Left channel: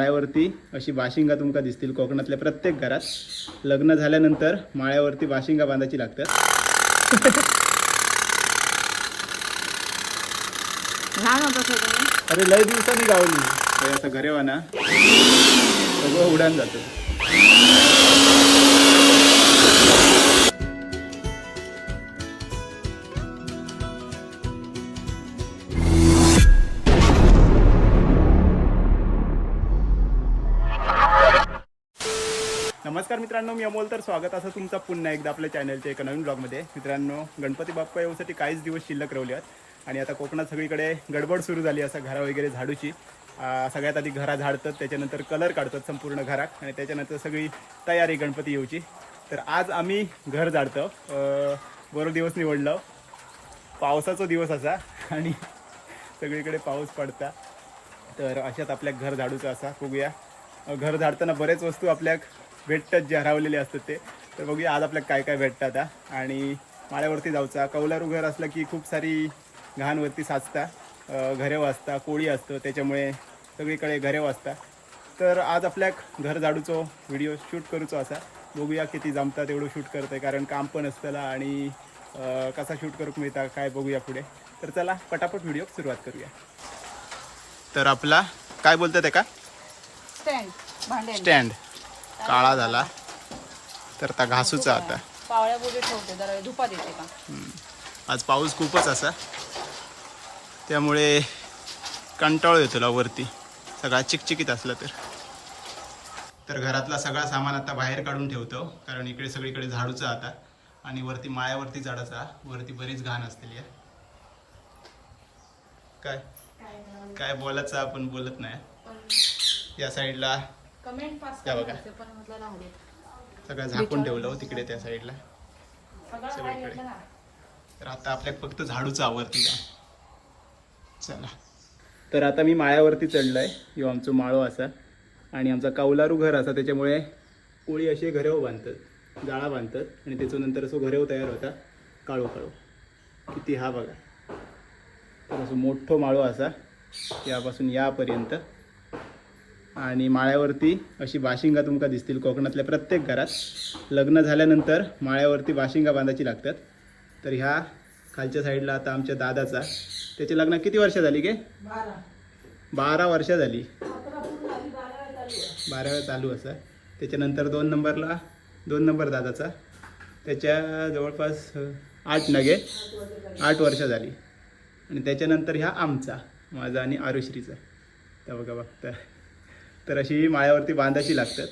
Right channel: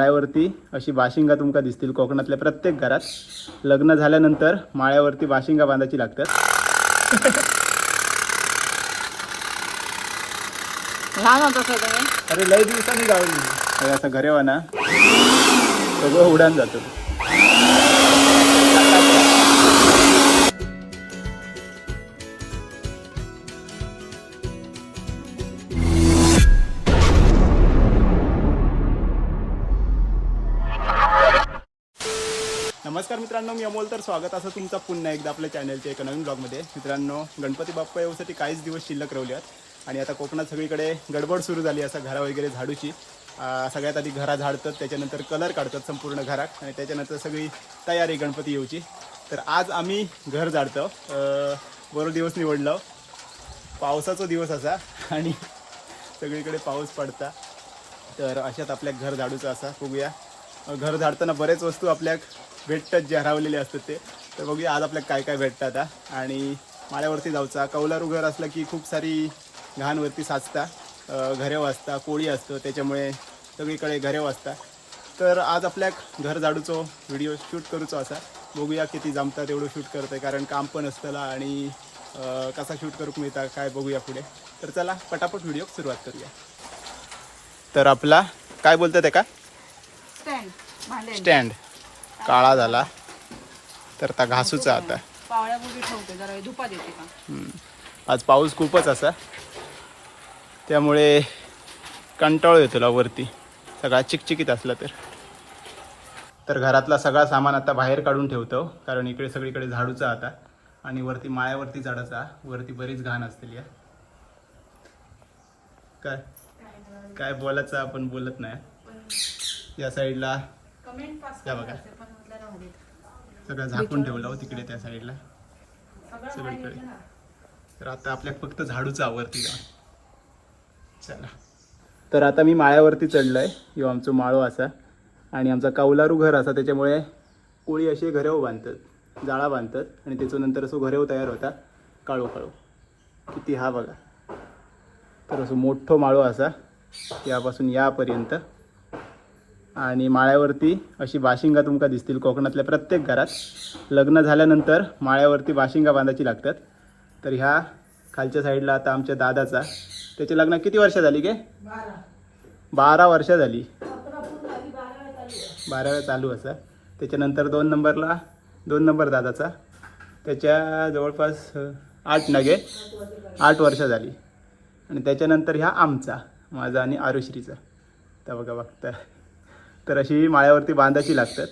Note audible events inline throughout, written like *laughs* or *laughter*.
माळ्यावरती अशी बाशिंगा तुमका दिसतील कोकणातल्या प्रत्येक घरात. लग्न झाल्यानंतर माळ्यावरती बाशिंगा बांधायची लागतात. अरे लय दिवसांनी गावली. हे असं घरेवाना. सगळं उडान जातं. नमस्कार मित्रांनो मी अमोल तर स्वागत. असं तुमचं पुन्हा एकदा आपल्या चॅनलच्या एका नवीन ब्लॉगमध्ये मित्रांनो गणपती बाप्पा येऊसाठी काहीच दिवस शिल्लक रवले आहेत आणि आता कोकणात सगळीकडे गडबड सुरू झाली असं घरा वगैरे झाडूची. सगळ्यात आधी घरा झाडतात त्याच्यानंतर कलर काढतात संपूर्ण घरात. आणि त्याच्यानंतर सगळी तयारी गणपती येऊची. तर आज आम्ही घर झाडतो. अं, बरो दिवस निवडलो. पावसाचा दिवस असा. आणि सगळीकडे पाऊस पडता. तर अशात आपल्या घर झाडूचं असा बघूया. घर झाडताना बरेच वस्तू आपल्याक भेटतात जे हरवलेले असतात ते. तर बघूया आज आपल्याला काय काय भेटतात. आणि माळ्यावरती जाऊचा. कौलारू घर असलं की खूप सारी घाणवरती साचता. घरे वाचता कोळी असतं त्याच्यामुळे सगळीकडे घरे वाचता तर आज आपल्याक घर झाडूचो व्हिडिओ शूट करूचो असा. बघूया किती जमता तेवढं शूट करतंय कारण काम पण असतंला आणि कसा शूट करूक मिळता काय बघूया पुढे. तर चला पटापट व्हिडिओ सुरुवात करूया. तर आपला काय बोलतात का स्टँड स्टँड. काळा झाला तर आता घासूचा आता. पावळ्या ठेवते जरा का. आज पाऊस खूपच असा. त्यामुळे कंटाळू येतो तुला वरती. सगळा चिकचिकीत असला तर. तर घरातला सगळा सामान आता बाहेर काढून ठेवतो कारण इकडे सगळीकडे झाडूचा आता. आणि वरती माळ्यावरती झाडाचा वरती बरीच घाण असलेली आहे काय? काय बोलायचं आपण बोलत नाही. या साईडला या बघा. सगळं झाकून ठेवलं हो तिकडे त्या साईडला. सगळं सगळीकडे. तर आता आपल्या फक्त झाडूचं आवरती चला. तर आता मी माळ्यावरती चढलोय. यो आमचं माळो असा. आणि आमचा कौलारू घर असा. त्याच्यामुळे कोळी असे घरेव बांधतात जाळा बांधतात. आणि त्याच्यानंतर असं घरेव तयार होता काळो काळो. किती हा बघा. तर असं मोठं माळो असा. यापासून यापर्यंत. आणि माळ्यावरती अशी बाशिंगा तुमका दिसतील कोकणातल्या प्रत्येक घरात. लग्न झाल्यानंतर माळ्यावरती बाशिंगा बांधायची लागतात. तर ह्या खालच्या साईडला आता आमच्या दादाचा. त्याची लग्न किती वर्ष झाली गे? बारा वर्ष झाली. बाराव्या चालू असा. त्याच्यानंतर दोन नंबरला दोन नंबर दादाचा. त्याच्या जवळपास आठ नगे. आठ वर्ष झाली. आणि त्याच्यानंतर ह्या आमचा माझा आणि आरुश्रीचा. तर बघा बघता. तर अशी माळ्यावरती बांधायची लागतात.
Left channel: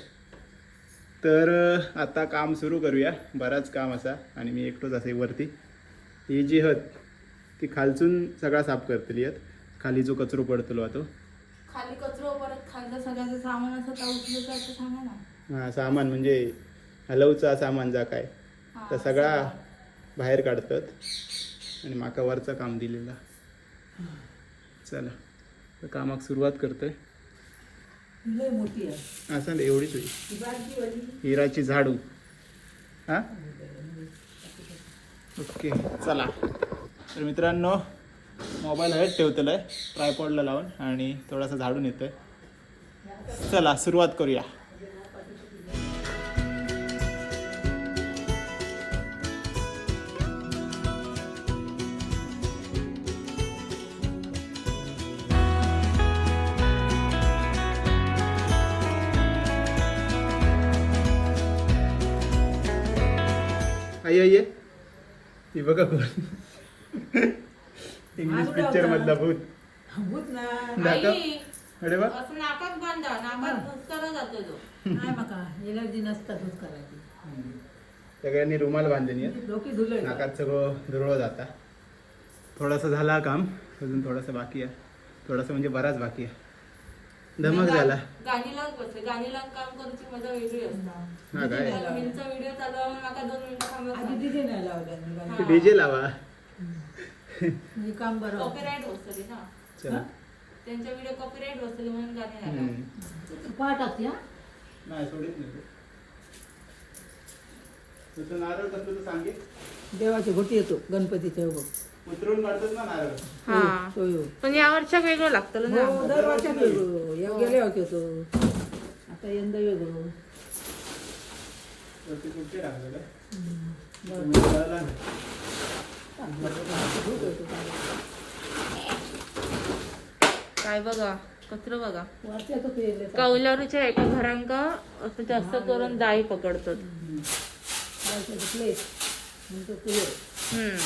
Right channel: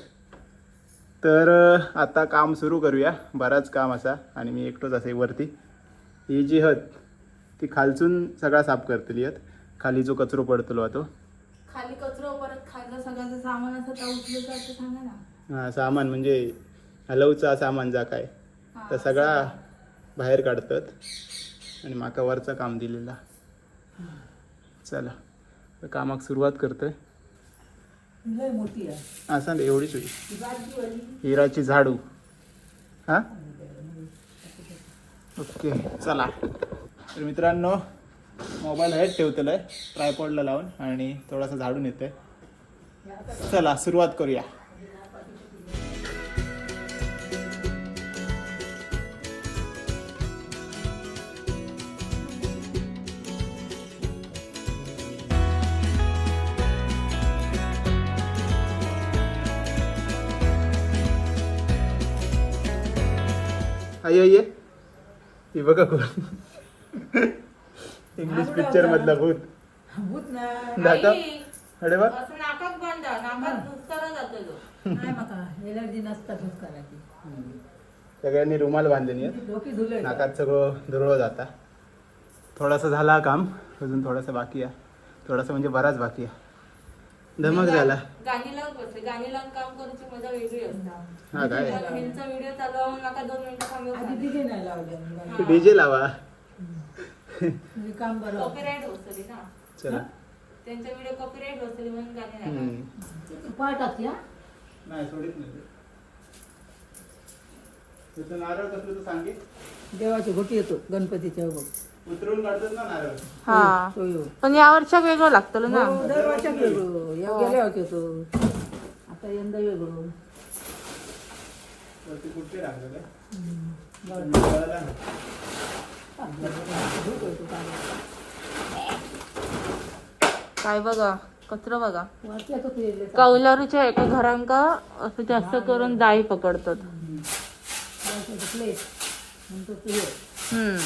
तर आता काम सुरू करूया. बराच काम असा आणि मी एकटोच असे वरती. ही जी हत ती खालचून सगळा साफ करतली आहेत खाली जो कचरो पडतलो तो खाली कचरो परत खाल्लं सगळ्याचं सामान असं त्या उचलूचं असं सांगा ना हा सामान म्हणजे हलवचा सामान जा काय तर सगळा बाहेर काढतात. आणि माका वरचं काम दिलेला. चला तर कामाक सुरुवात करतोय. लय मोठी आहे. असा ना एवढीच होईल. हिराची झाडू. हा? ओके चला. तर मित्रांनो मोबाईल हेड ठेवतलं आहे ट्रायपॉडला लावून आणि थोडासा झाडून येतोय. चला सुरुवात करूया. आई आई हे बघा कोण. *laughs* इंग्लिश पिक्चर मधला भूत. भूत ना. दाखव आई, अरे वा. असं नाकात बांधा नाकात जातो तो. *laughs* नाही माका एलर्जी नसता भूत करायची. सगळ्यांनी रुमाल बांधलेली आहेत डोकी धुले नाकात सगळं दुरळ जाता थोडासा झाला काम. अजून थोडासा बाकी आहे. थोडासा म्हणजे बराच बाकी आहे. धमक झाला. गाणी लावून बसते गाणी लावून काम करूची मजा वेगळी असते. हा काय? ह्यांचा व्हिडिओ चालू आहे म्हणून नका दोन मिनिटं नाही डीजे लावा. काम बरं होतं. कॉपीराईट बसतली ना. चला. त्यांच्या व्हिडिओ कॉपीराईट बसतली म्हणून गाणी नाही पाठ असते हा? नाही सोडित नाही. तुझं नारळ कसलं तू सांगे देवाची घोटी येतो गणपतीच्या बघ. उतरून काढतात ना नारळ हा. हो, हो. पण या वर्षाक वेगळं लागतं ना. हो, दर वर्षाक वेगळं. या गेल्या होते. तो आता यंदा वेगळं. कुठे काय हम्म. कळालं ना. काय बघा कचरा बघा. तो कौलारूच्या एका घरांका असं जास्त करून दाई पकडतात. म्हणजे हम्म.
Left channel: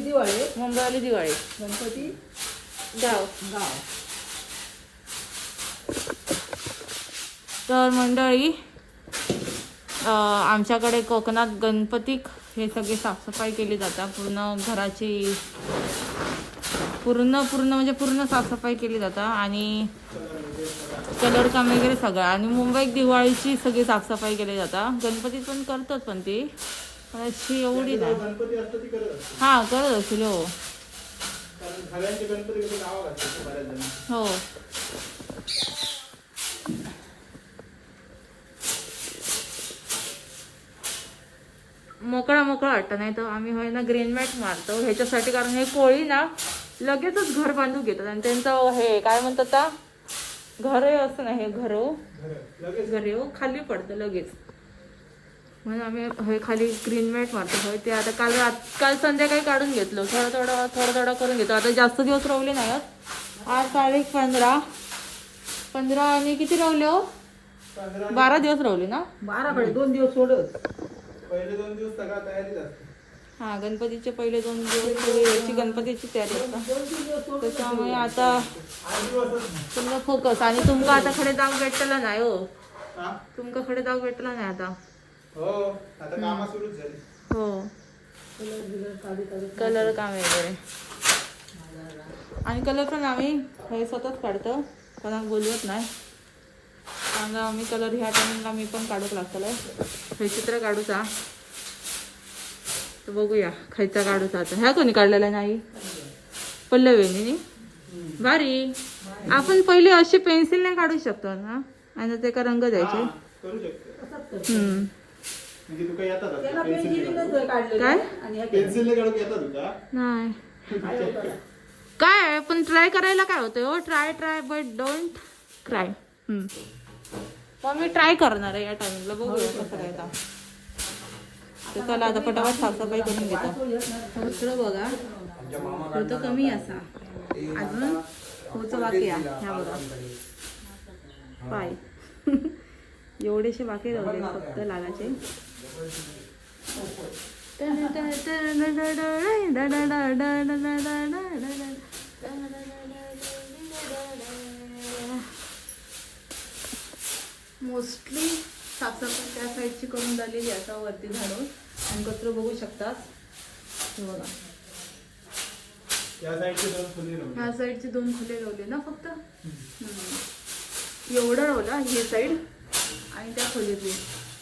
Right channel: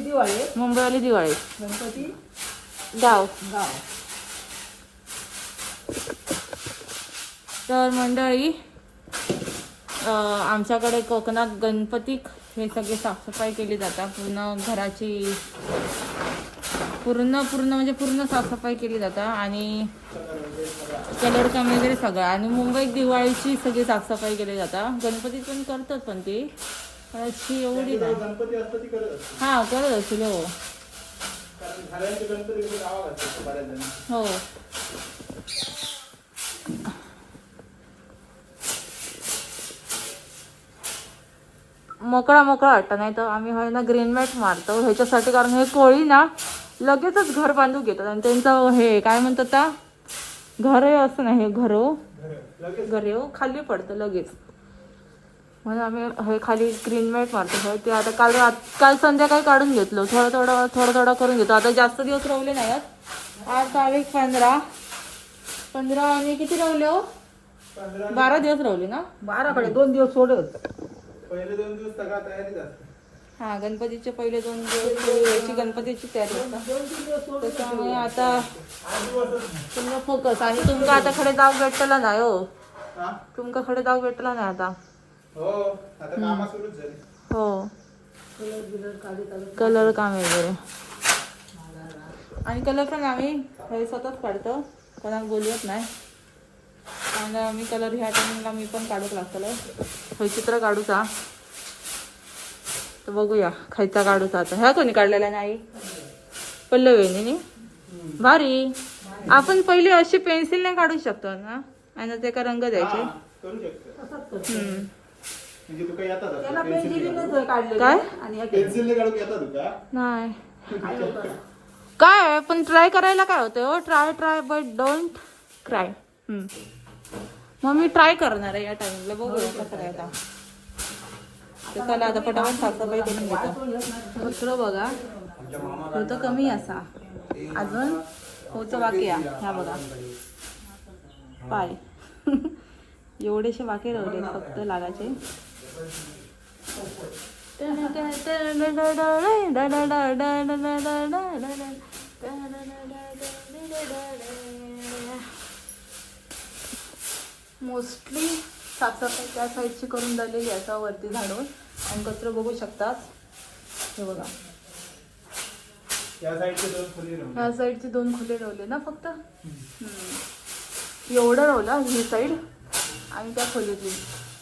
दिवाळी. मुंबईवाली दिवाळी. गणपती. गाव. गाव. तर मंडळी आमच्याकडे कोकणात गणपती हे सगळे साफसफाई केली जातात. पूर्ण घराची पूर्ण पूर्ण म्हणजे पूर्ण साफसफाई केली जातात आणि कलर काम वगैरे सगळं. आणि मुंबईत दिवाळीची सगळी साफसफाई केली जातात. गणपतीत पण करतात पण ती. अशी एवढी नाही गणपती असतं ती करत. हा करत असेल हो. कारण सगळ्यांचे गणपती कसे गावात असतात बऱ्याच जण हो. मोकळा मोकळा वाटतं नाही तर आम्ही होय ना ग्रीन मॅट मारतो. ह्याच्यासाठी कारण हे कोळी ना लगेचच घर बांधून घेतात. आणि त्यांचं हे काय म्हणतात त्या घर असं नाही घर घरं. लगेच. घर खाली पडतं लगेच. म्हणून आम्ही हे खाली ग्रीन मॅट मारतो. होय ते आता काल रात काल संध्याकाळी काढून घेतलो. थोडं थोडं थोडं थोडं करून घेतो. आता जास्त दिवस रवले नाही आहेत. आज तारीख पंधरा. पंधरा आणि किती रवले हो? बारा दिवस रवले ना? बाराकडे दोन दिवस सोडत पहिले दोन दिवस सगळा असते हा गणपतीचे पहिले दोन दिवस याची गणपतीची तयारी असतात त्याच्यामुळे आता. तुमचा फोकस आणि तुमका आता खडे दाव भेटला नाही हो. हा? तुमका खडे दाव भेटला नाही आता. हो आता कामा सुरूच झाली. हो. कलर काम वगैरे. आणि कलर पण आम्ही हे स्वतःच काढतो. कोणाला बोलवत नाही. कारण आम्ही कलर ह्या टायमिंगला मी पण काढूक लागतलं हे चित्र काढूचा. तर बघूया खायचा काढूचा आता. ह्या कोणी काढलेला नाही? पल्लवेनी भारी. आपण पहिले अशी पेन्सिलने काढू शकतो ना? आणि त्याका रंग द्यायचे. म्हणजे तुका येतात असं पेन्सिल काढले काय? आणि पेन्सिलने काढूक येतात तुका नाही. काय पण ट्राय करायला काय होतं हो? Try try but don't cry मग मी ट्राय करणार आहे या टाइमिंगला बघूया कसं काय आता तर चला आता पटापट साफसफाई करून घेतो. कचरो बघा होतं कमी असा. अजून होतं बाकी आहे. ह्या बघा. पाय. *laughs* एवढेशे बाकी राहिले फक्त लागायचे. मोस्टली साफसफाई त्या साईडची करून झालेली असा वरती झाडून. आणि कचरा बघू शकतात. हे बघा. ह्या साईडचे दोन खोले लावले. ना फक्त. एवढं लावलं ही साईड आणि त्या खोलीतली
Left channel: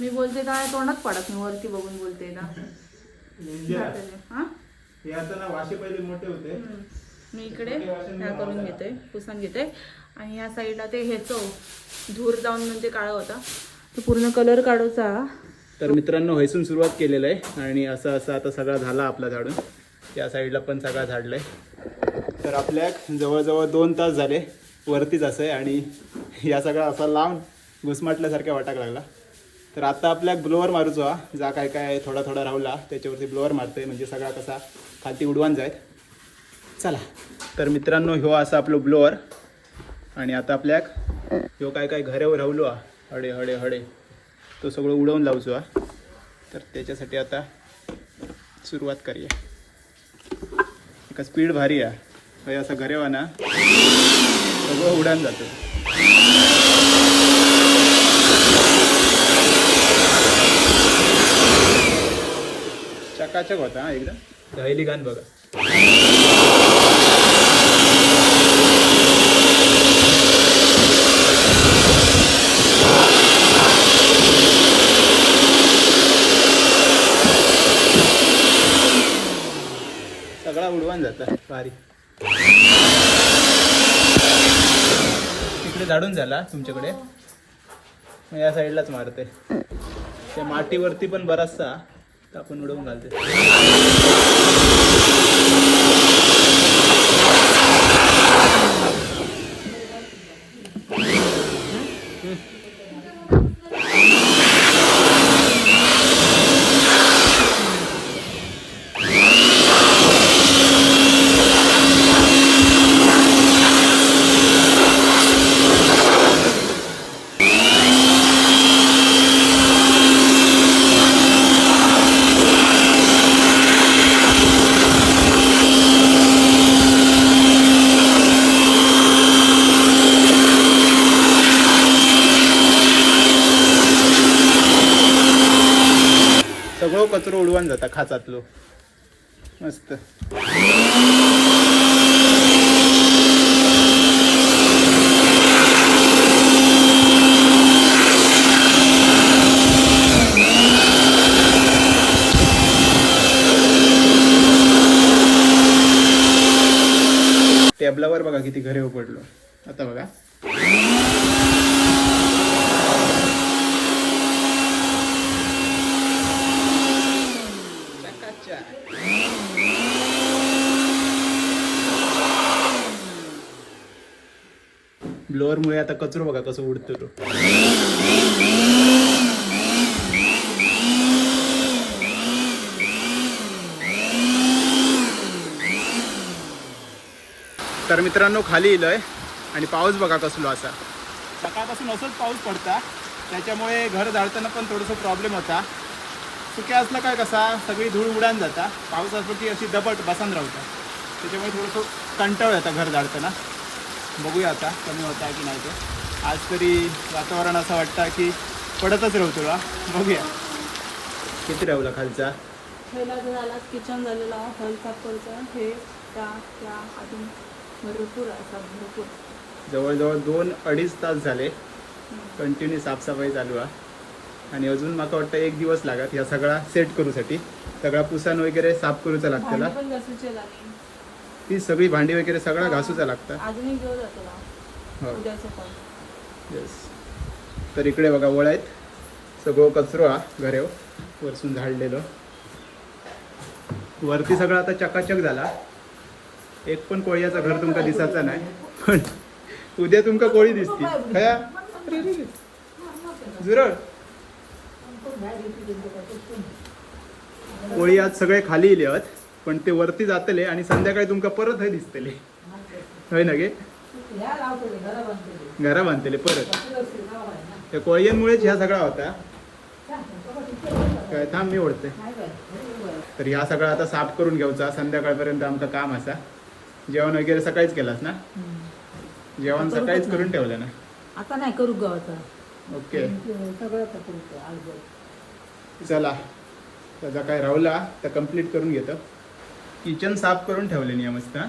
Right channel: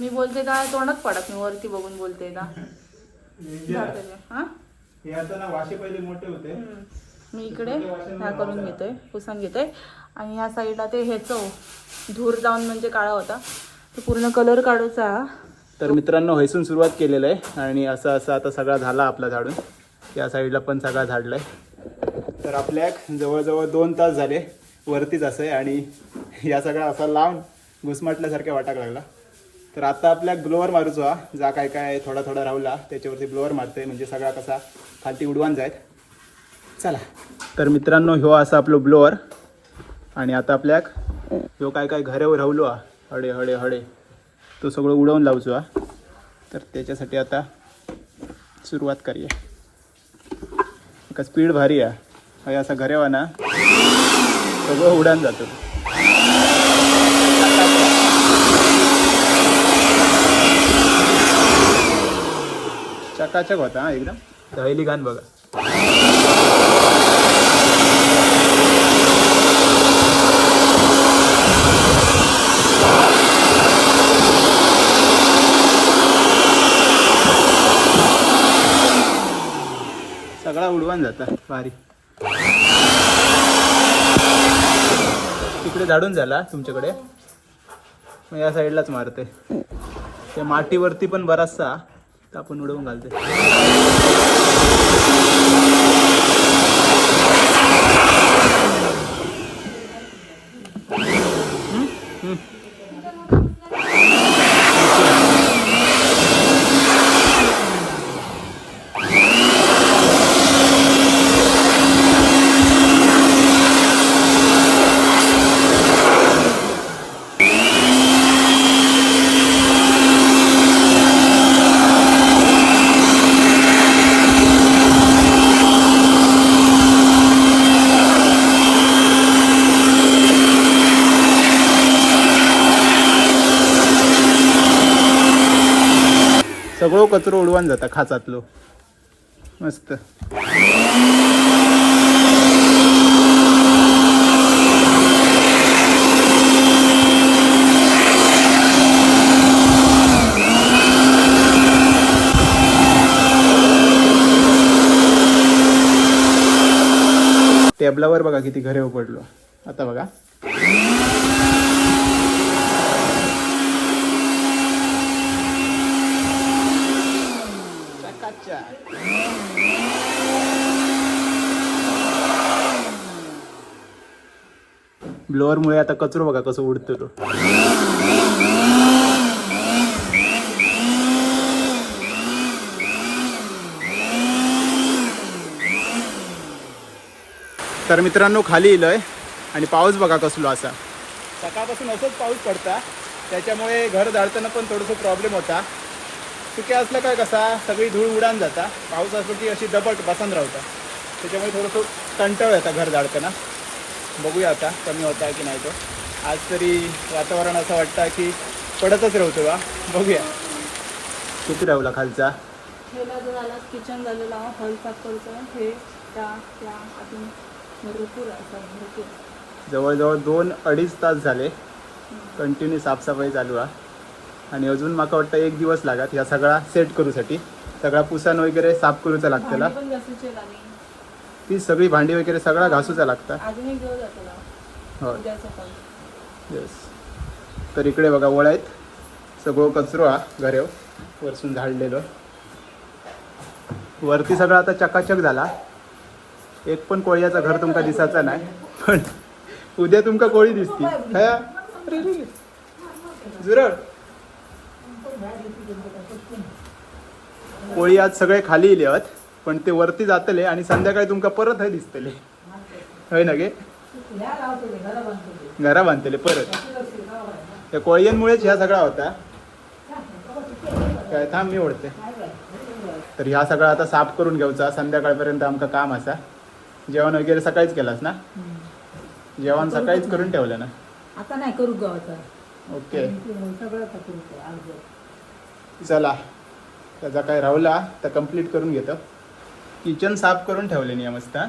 मी बोलते काय तोंडात पडत मी वरती बघून बोलते ना हा? आता ना वाशे पहिले मोठे होते. हम्म. मी इकडे ह्या करून घेते पुसून घेते. आणि ह्या साईडला ते ह्याचं धूर जाऊन म्हणजे काळा होता. तो पूर्ण कलर काढूचा. तर मित्रांनो हैसून सुरुवात केलेलं आहे. आणि असं असं आता सगळा झाला आपला झाडून. या साईडला पण सगळा झाडलाय. तर आपल्या जवळजवळ दोन तास झाले वरतीच असं आहे. आणि या सगळा असा लावून घुसमाटल्यासारख्या वाटाक लागला. तर आता आपल्या ब्लोअर मारूचो हा. जा काय काय थोडा थोडा राहला त्याच्यावरती ब्लोअर मारतोय. म्हणजे सगळा कसा खालती उडवान जायत. चला. तर मित्रांनो ह्यो असा आपलो ब्लोअर आणि आता आपल्याक ह्यो काय काय घरे रावलो हा. हडे हडे हडे. तो सगळं उडवून लावचो हा. तर त्याच्यासाठी आता सुरुवात करूया. एका स्पीड भारी आहे असा घरेवा ना सगळं उडान जातं. चकाचक होता हा एकदम. दहली गाण बघा. सगळा उडवून जातं. भारी तिकडे झाडून झाला तुमच्याकडे. मग या साईडलाच मारते त्या मातीवरती पण बराचसा आपण उडवून घालते कचरो उडवून जाता खाचातलो. मस्त. टेबलावर बघा किती घरे उपडलो. आता बघा. ब्लोअर मुळे आता कचरो बघा कसं उडतो तो. तर मित्रांनो खाली इलोय आणि पाऊस बघा कसलो असा. सकाळपासून असंच पाऊस पडता. त्याच्यामुळे घर जाळताना पण थोडंसं प्रॉब्लेम होता. सुक्या असलं काय कसा सगळी धूळ उडान जाता. पाऊस असतो की अशी दबट बसन राहता. त्याच्यामुळे थोडंसं कंटाळ येतं घर जाळताना बघूया आता कमी होता की नाही तो. आज तरी वातावरण असं वाटतं की पडतच राहतो बा. बघूया. किती राहला खालचा? आला किचन झालेला हॉल हे त्या त्या अजून भरपूर जवळजवळ दोन अडीच तास झाले. कंटिन्यू साफसफाई चालू आहे. आणि अजून माका वाटतं एक दिवस लागत ह्या सगळा सेट करूसाठी. सगळा पुसान वगैरे साफ करूचा लागतला भांडी पण घासूचे लागेल ती सगळी भांडी वगैरे सगळा घासूचा लागता. जातो ना. हो. उद्याचं पण येस तर इकडे बघा वळ आहेत. सगळं कचरो हा घरेव. वरसून झाडलेलो. वरती सगळं आता चकाचक झाला. एक पण कोळ्याचा घर तुमका दिसायचा नाही. पण उद्या तुमका कोळी दिसती. जुरळ कोळी आज सगळे खाली येले आहेत पण ते वरती जातले आणि संध्याकाळी तुमका परत हय दिसतले. हय ना गे? घरा बांधतले परत. त्या कोळयांमुळेच ह्या सगळा होता. काय थांब मी ओढते तर ह्या सगळा आता साफ करून घ्यायचा. संध्याकाळपर्यंत आमचं काम असा. जेवण वगैरे सकाळीच केलास ना? जेवण सकाळीच करून ठेवलं ना? आता नाही करू ग आता ओके चला. त्याचा काय राहुला तर कंप्लीट करून घेतो. किचन साफ करून ठेवले नाही मस्त हा?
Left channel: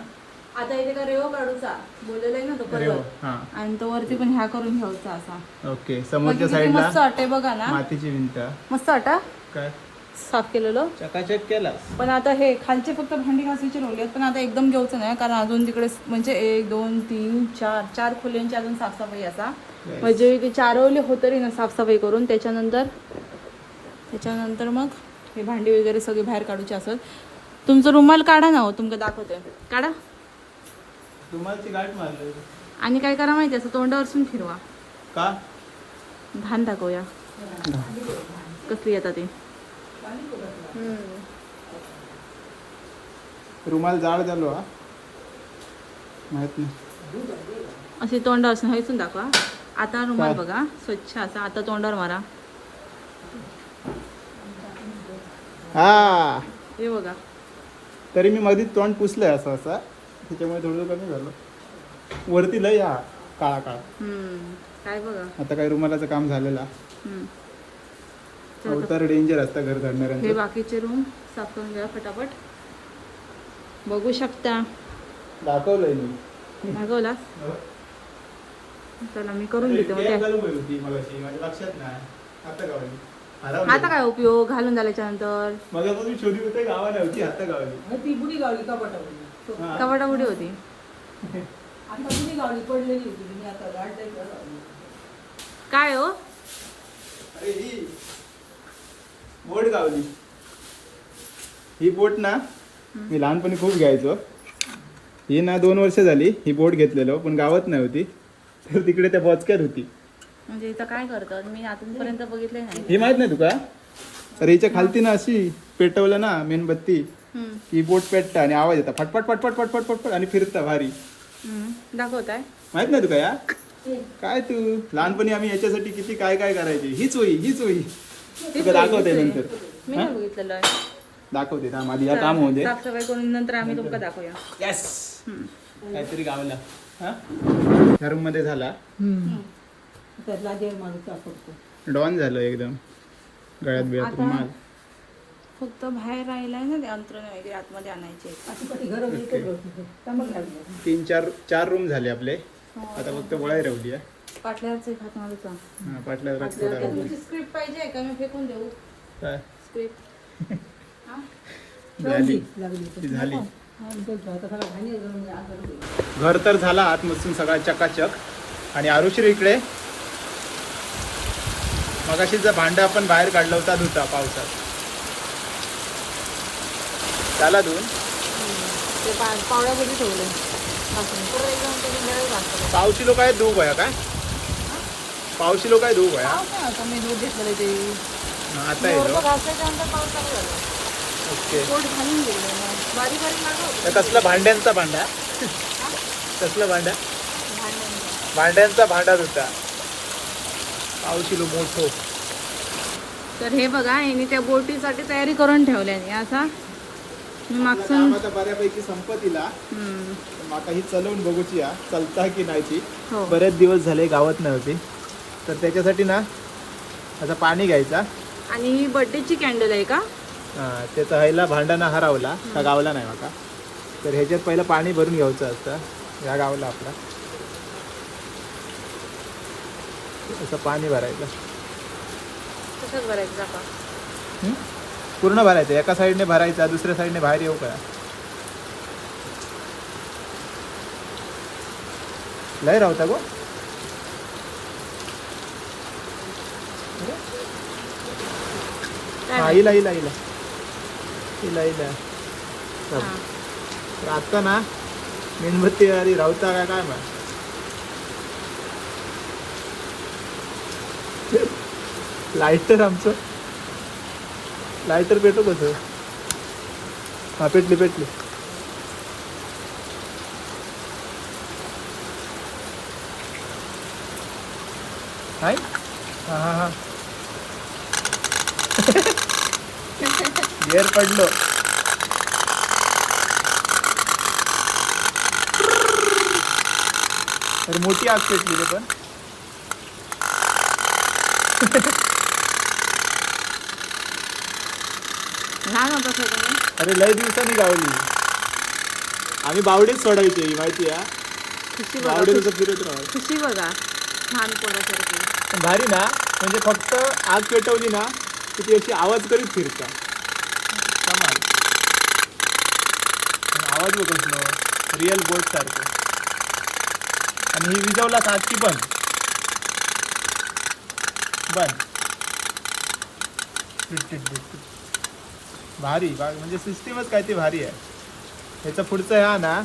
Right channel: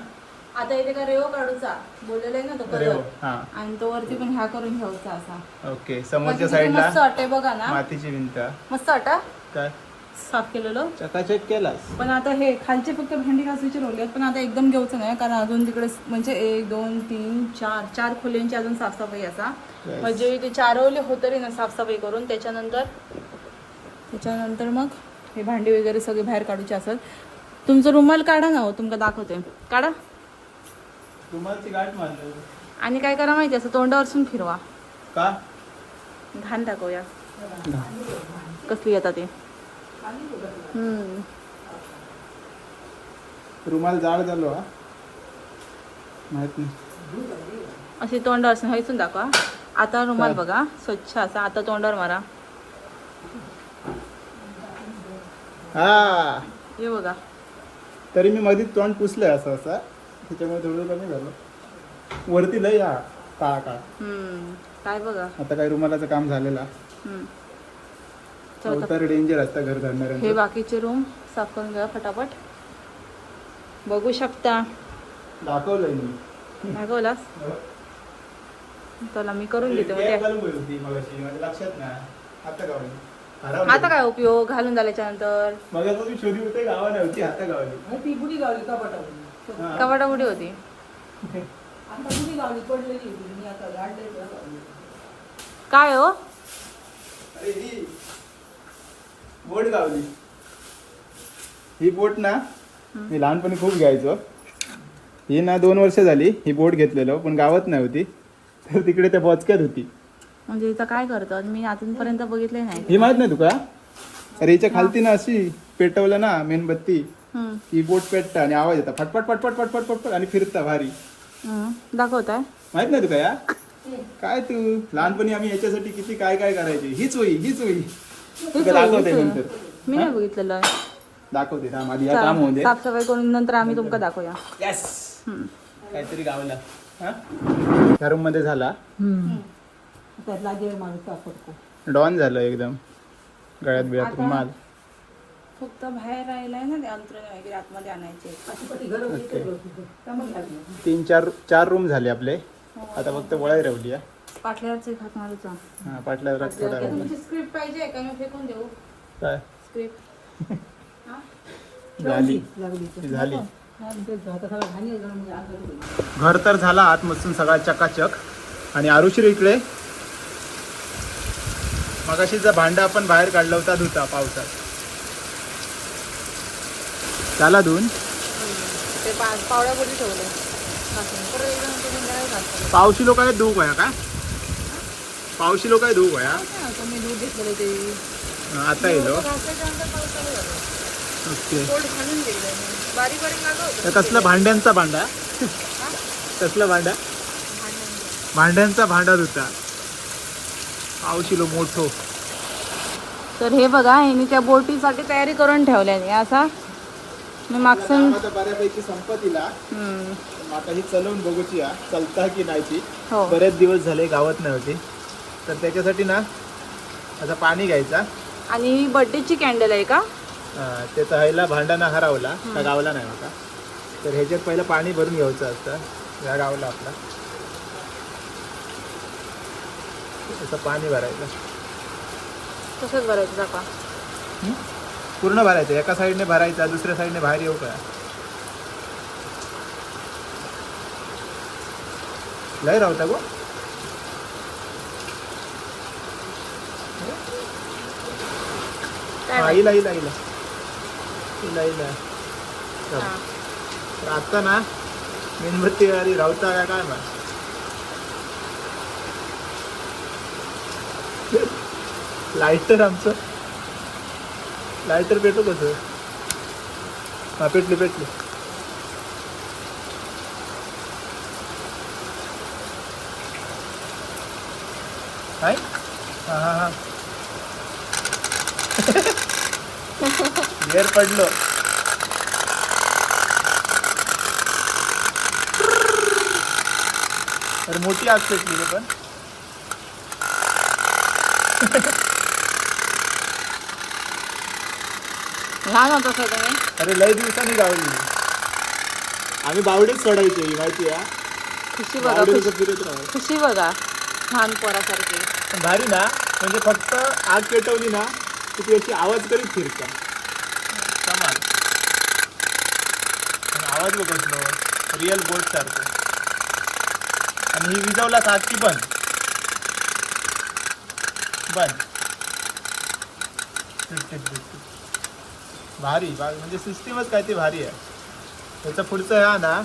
आता इथे का रेव काढूचा? बोललेला आहे ना तो अरे हो परत. हा. आणि तो वरती पण ह्या करून घ्यायचा असा. ओके म्हणजे समोरच्या किती साईडला मस्त वाटतंय बघा ना. मातीची भिंत. मस्त वाटा काय? साफ केलेलं. चकाचक केलास. पण आता हे खालचे फक्त भांडी घासायचे रोले आहेत पण आता एकदम घेऊचं नाही कारण अजून तिकडे म्हणजे एक दोन तीन चार चार खोल्यांची अजून साफसफाई असा. म्हणजे ते चारवले होतं रे ना साफसफाई करून. त्याच्यानंतर त्याच्यानंतर मग हे भांडी वगैरे सगळे बाहेर काढूचे असत. तुमचं रुमाल काढा ना हो तुमका दाखवते. काढा. तुम्हाला गाठ मारलं. आणि काय करा माहिती असं तोंडावरसून फिरवा. का? घाण दाखवूया. कसली येतात ते. रुमाल जाड झालो हा. माहीत नाही. असे तोंडावर हयसून दाखवा. आता रुमाल? बघा स्वच्छ असा. आता तोंडावर मारा. हा. हे बघा. तरी मी मधीच तोंड पुसलंय असं असं. त्याच्यामुळे थोडं कमी झालं. वरती लय हा काळा काळा. काय बघा. आता काय रुमालाचं काम झालेलं. अवतार डेंजर असतं घर हे धरणाऱ्यांचं बाकीचे रूम साफ करून घ्या फटाफट. बघू शकता. दाखवलंय मी. भागवलास *laughs* चला मी करून घेते माझ्या लक्षात नाही. आता. आता काय उपयोग? घालून झाल्याच्यानंतर? मग आता ती शोधी होते गावा नव्हती आता गावली. मग ती बुडी गावली कपाटावली हा. होती. आता बुडी गावली पडलेली होती मी आता द्यायची काय हो? अरे ही बोट गावली. ही बोट ना मी लहानपणी खूप घ्यायचो. ही ना दोन वर्ष झाली ही बोट घेतलेलो पण गावात नाही होती तर तिकडे त्या बोचक्यात होती. म्हणजे इथं काय करतात? मी अजूनपर्यंत बघितले नाही. ही माहीत नाही तुका? अरे हिच्या खालती ना अशी पेटवलं ना मेणबत्ती हम्म. ही बोट पेटता आणि आवाज येतात फटफट फटफट फटफट फटफट आणि फिरता भारी. हम्म. दाखवताय? माहीत नाही तुका या? काय तू? लहानपणी आम्ही याच्यासाठी किती काय काय करायचे? हीच होई हीच होई तुका दाखवते नंतर. मी हा? नाही बघितलेलं. दाखवते थांब आधी या काम होऊ दे. साफसफाई करून नंतर आम्ही तुमका दाखवूया. येस हम्म. काहीतरी गावला. हा? ह्या रूममध्ये झाला. त्यातला देव माणूस वापरतो डॉन झालं एकदम. गळ्यात बिळ्यात आता? रुमाल. फक्त बाहेर राहिलाय ना ते अंतरण वगैरे आतमध्ये आणायचे तीन चार चार रूम झाले आपले. आता फक्त वळाई रवली आहे पाटल्याचे खात हा पाटल्या जरा थोडा रवली स्क्रिप्ट पाहिजे का? मी फेकून देऊ. काय? स्क्रिप्ट *laughs* झाली. ती झाली. घर तर झाला आतमधून सगळा चकाचक. आणि आरुश्री इकडे. मगाशीचा भांडं आपण बाहेर काढला होता धुता पावसात. त्याला धुवून ते पावड्यामध्ये ठेवले. पावशी लोक आहेत धुऊ गया काय? पावशी लोक आहे धुऊ गया मी दूध घेतलेलं ते. आता येलो. ओके. कसला भांड्यांचा भांडा? कसला भांडा? भांड्यांचा. भांडा होता पावशिलो मोठो. तर हे बघा यांनी त्या बोटीसाठी तयारी करून ठेवल्याने असा मी मागसून बऱ्यापैकी संपतीला. हम्म, आता ही चलवून बघूची चलता की नाही ती? हो. बरेच दिवस झाले गावात नाही होती तर त्याच्यासाठी ना आता पाणी घ्यायचा. आणि ही बर्थडेची कॅन्डल आहे का? हा, ते तहायला भांडाना हरवला. का गावला नाही आता. तर ह्याच्यात पहिलं पाणी भरून घ्यायचं असतं. या गावला आपला. असं पाणी भरायचं तसंच भरायचं हं? पूर्ण भरायचं एका साईडने भरायचा दुसऱ्या साईडने बाहेर येऊ का लय राहता गो काय हा, माहिती? इला इला इला इला इला हो. हा. तर आता ना मेणबत्ती अरे राहता का काय ना लायटर आमचं लायटर पेटत होतं हा पेटली पेटली काय हा हा हा। गेअर पडलं तर मोठी आग पेटली पण *laughs* लहान होता सगळं अरे लय दिवसांनी गावली. आम्ही बावडीच सोडायचे ही माहिती आहे खुशी बघा बावडीचं खुशी- फिरत राहायचं. खुशी बघा लहान पोरासारखी. पण भारी ना म्हणजे फक्त आग पेटवली ना की ती अशी आवाज करीत फिरता. कमाल. आणि आवाज बघ कसलो रिअल बोट सारखं. आणि ही विजवला सात की बंद बंद टिट, टिट, टिट, टिट. भारी. म्हणजे सिस्टीमच काय ती भारी आहे. ह्याचा पुढचा ह्या ना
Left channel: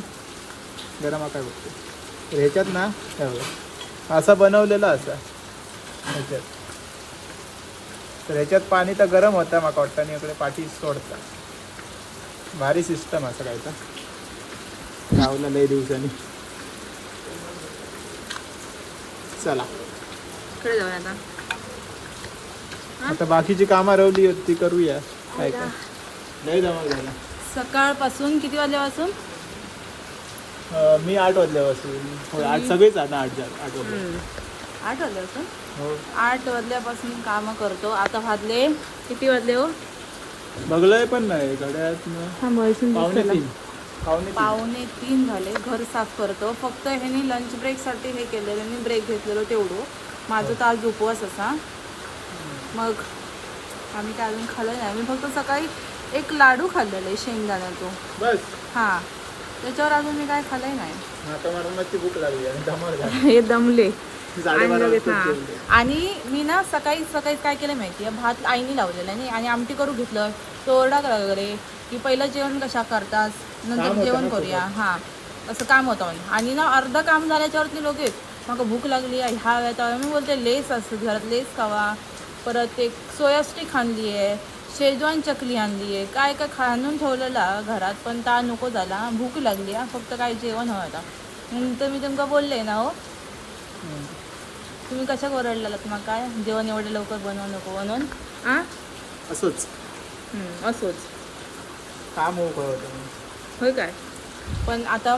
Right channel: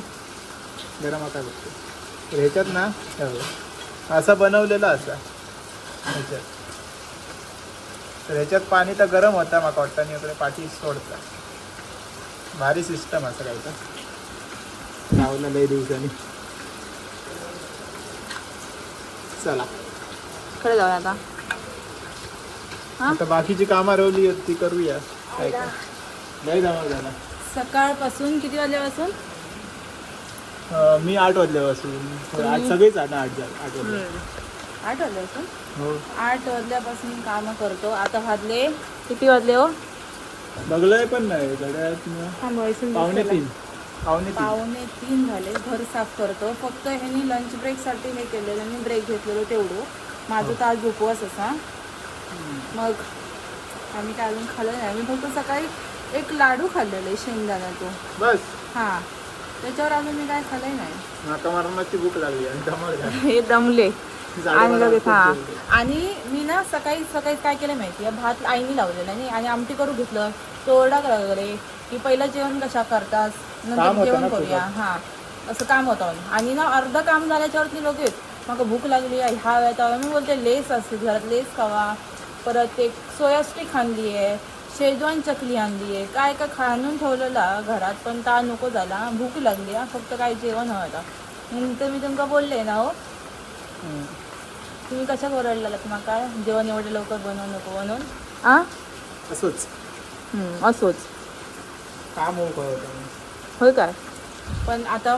गरम आता बघतो. तर ह्याच्यात ना हे. असा बनवलेला असा. ह्याच्यात. तर ह्याच्यात पाणी तर गरम होता मग कॉटन इकडे पाठी सोडता. भारी सिस्टम असं काय तर. गावला लय दिवसांनी. चला. जाऊया आता? आता बाकीची कामं रवली आहेत ती करूया. काय काय झाला. सकाळपासून किती वाजल्यापासून? अं, मी आठ वाजल्यापासून. हो, आठ सगळेच आठ आठ जा- आठ वाजले. आठ वाजल्यापासून? हो. आठ वाजल्यापासून काम करतो. आता वाजले. किती वाजले हो? बघलंय पण नाही. पावणे तीन. पावणे तीन. पावणे तीन झाले. घर साफ करतो. फक्त ह्यांनी लंच ब्रेकसाठी हे केलेलं. मी ब्रेक घेतलेलो तेवढं. माझं तर आज उपवास असा मग आम्ही काय अजून खाल्लं नाही. मी फक्त सकाळी एक लाडू खाल्लेले शेंगदाण्यातो बस. हां. त्याच्यावर अजून मी काय खाल्लंय नाही. आता भूक लागली आहे. हे दमले. आणि लगेच हा. मी ना सकाळी सकाळी काय केलं माहिती आहे? भात आईनी लावलेला नाही? आणि आमटी करू घेतलं. तो ओरडा करा वगैरे. की पहिलं जेवण कशा करतात? काम नंतर होतं जेवण ना करूया. हा. असं काम होतं म्हणे. आणि ना अर्ध काम झाल्याच्यावरती लगेच मग भूक लागली. आहे, ह्या वेळा. मी बोलते लेस असते घरात. लेस खावा. परत एक सोया स्टिक आणली आहे. शेजवान चकली आणली आहे. काय काय खा आणून ठेवलेला? घरात पण ता नको झाला. भूक लागली हा. फक्त काय जेवण आता नंतर मी तुमका बोलले ना हो. तुम्ही कशा ओरडलेलात मग? काय? जेवण एवढं लवकर बनवू नको म्हणून? आ? असंच. असोच. काम. होय काय? पण आता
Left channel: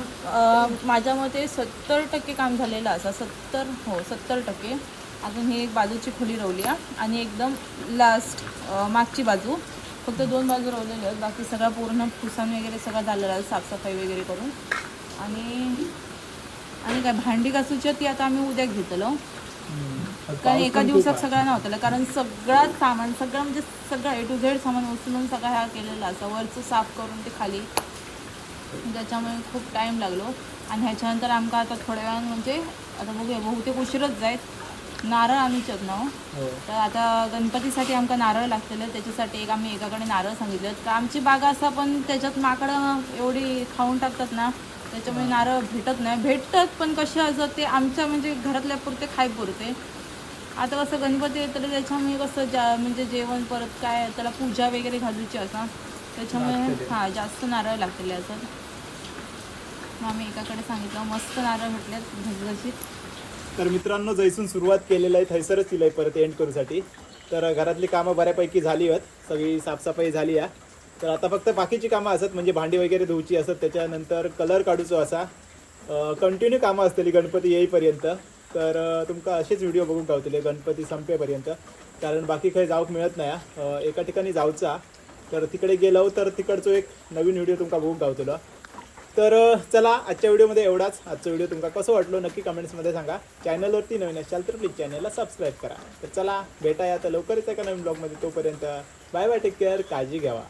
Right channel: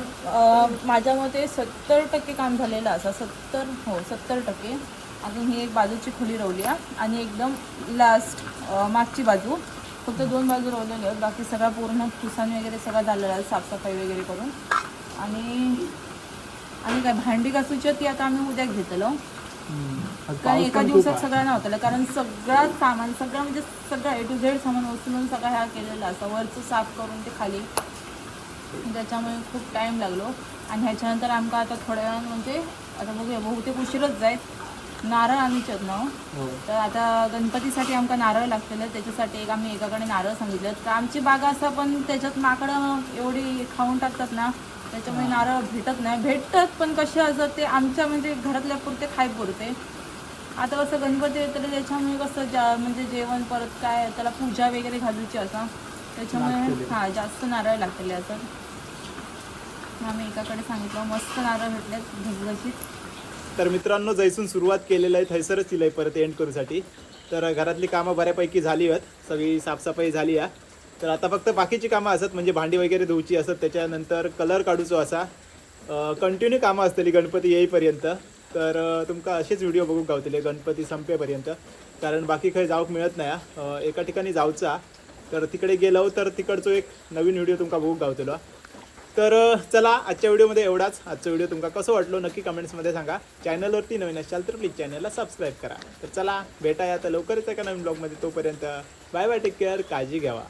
माझ्या मते सत्तर टक्के काम झालेलं असं सत्तर हो सत्तर टक्के. अजून ही एक बाजूची खोली रवली आहे आणि एकदम लास्ट मागची बाजू. फक्त दोन बाजू रोवलेले आहेत. बाकी सगळा पूर्ण पुसान वगैरे सगळं झालेलं आहे साफसफाई वगैरे करून. आणि आणि काय भांडी घासूची ती आता आम्ही उद्या घेतलो. कारण एका दिवसात सगळं नव्हतं. कारण सगळं सामान सगळं म्हणजे सगळं ए टू झेड सामान उचलून सगळं ह्या केलेलं असं वरचं साफ करून ते खाली. त्याच्यामुळे खूप टाईम लागलो. आणि ह्याच्यानंतर आमका आता थोड्या वेळानं म्हणजे आता बघूया बहुतेक उशीरच जायत नारळ आम्हीच आहेत ना हो. तर आता गणपतीसाठी आमका नारळ लागलेलं त्याच्यासाठी एक आम्ही एकाकडे नारळ सांगितलं. तर आमची बागा असा पण त्याच्यात माकडं एवढी खाऊन टाकतात ना त्याच्यामुळे नारळ भेटत नाही. भेटतात पण कसे असं ते आमच्या म्हणजे घरातल्या पुरते खाय पुरते. आता कसं गणपती येतं तर त्याच्यामुळे कसं जा म्हणजे जेवण परत काय त्याला पूजा वगैरे घालूची असं. त्याच्यामुळे हां जास्त नारळ लागलेले असं. मग आम्ही एकाकडे सांगितलं मस्त नारळ भेटलेत घसघशीत. तर मित्रांनो जैसून सुरुवात केलेलं आहे थैसरच तिला परत एंड करूसाठी. तर घरातली कामं बऱ्यापैकी झाली आहेत. सगळी साफसफाई झाली आहे. तर आता फक्त बाकीची कामं असत म्हणजे भांडी वगैरे धुवची असत त्याच्यानंतर कलर काढूचो असा. कंटिन्यू कामं असतली गणपती येईपर्यंत. तर तुमका असेच व्हिडिओ बघूक गावतले गणपती संपेपर्यंत. कारण बाकी काही जाऊक मिळत नाही एका ठिकाणी जाऊचा. तर तिकडे गेलो तर तिकडचो एक नवीन व्हिडिओ तुमका बघूक गावतलो. तर चला आजच्या व्हिडिओमध्ये एवढाच. आजचा व्हिडिओ तुमका कसं वाटलो नक्की कमेंट्समध्ये सांगा. चॅनलवरती नवीन असाल तर प्लीज चॅनलला सबस्क्राईब करा. तर चला भेटा आता लवकरच एका नवीन ब्लॉगमध्ये तोपर्यंत. बाय बाय टेक केअर काळजी घ्यावा.